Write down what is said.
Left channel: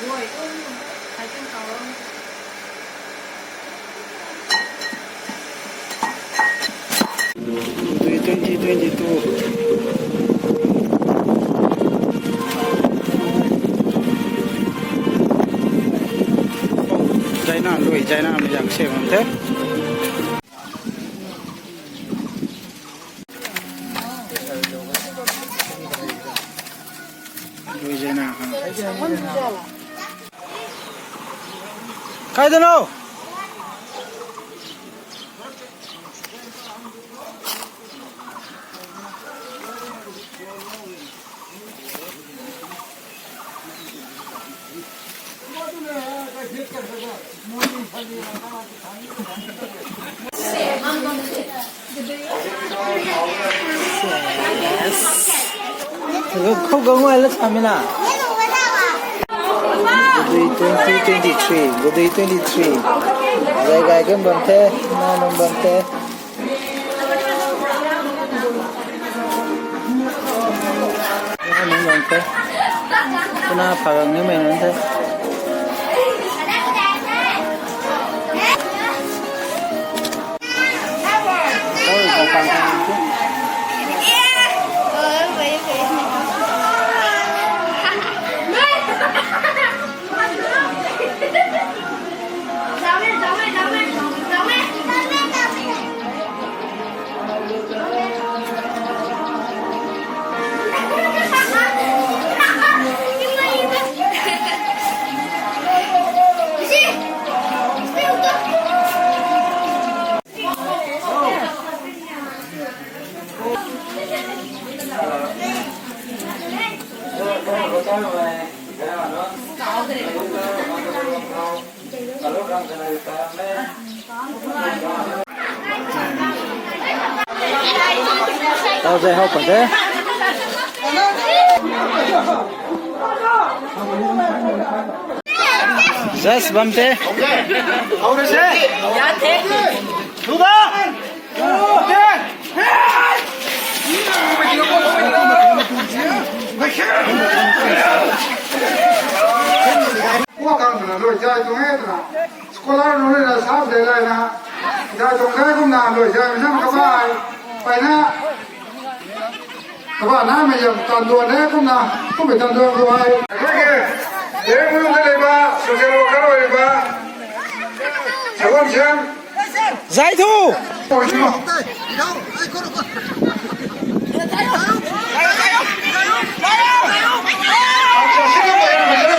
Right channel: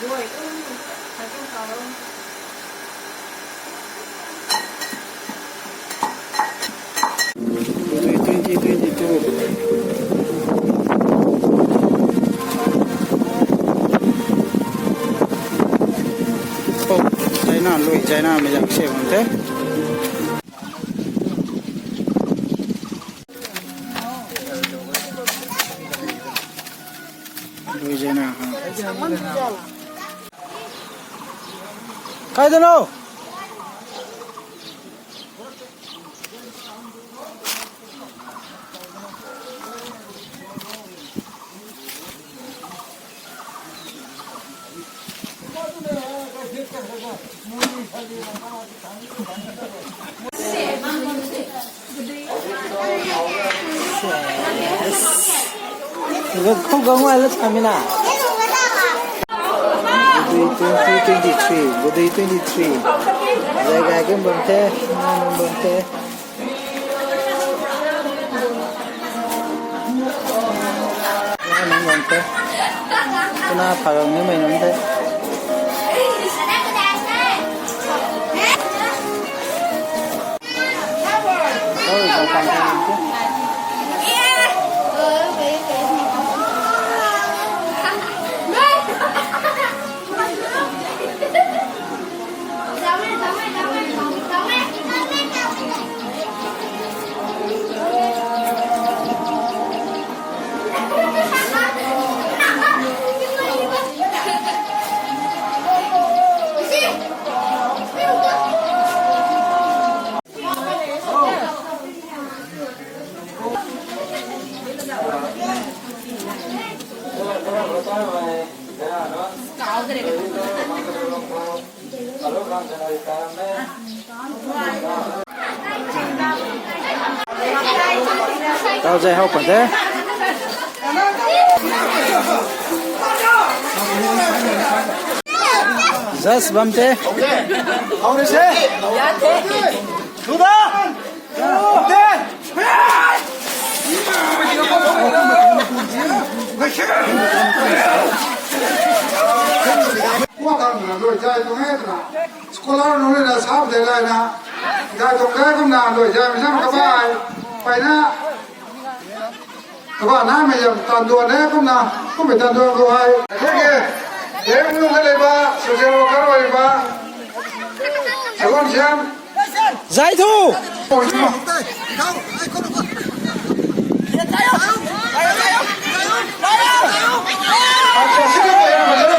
Buổi cũng phải trong cầu luôn. Today 2022. Oh, China lui China में जाके सेवन थे. lui China हाँ. काय देनो? 이거 코강어 알았습니다. Good day 2023. Good day 23. Jaga game bante, na bante. Na bante. Kuna pagang ni main bante. Oh, gampang kan itu. Tao dạy học ở thế. Just bấm thế. Đúng đó. Qua càng là rồi chơi tôi hết rồi. Scholar nó là sao để lại là ra tôi cái cũng là rồi chơi mình các bạn phải na các bạn na mày giờ toàn đùa đấy cũng là không phải toàn đùa của ai thế kia nếu như thế này ba sự chơi đâu cái rồi ba hiểu không xem Giải thu. Hãy subscribe cho kênh Ghiền Mì Gõ để không bỏ lỡ những video hấp dẫn.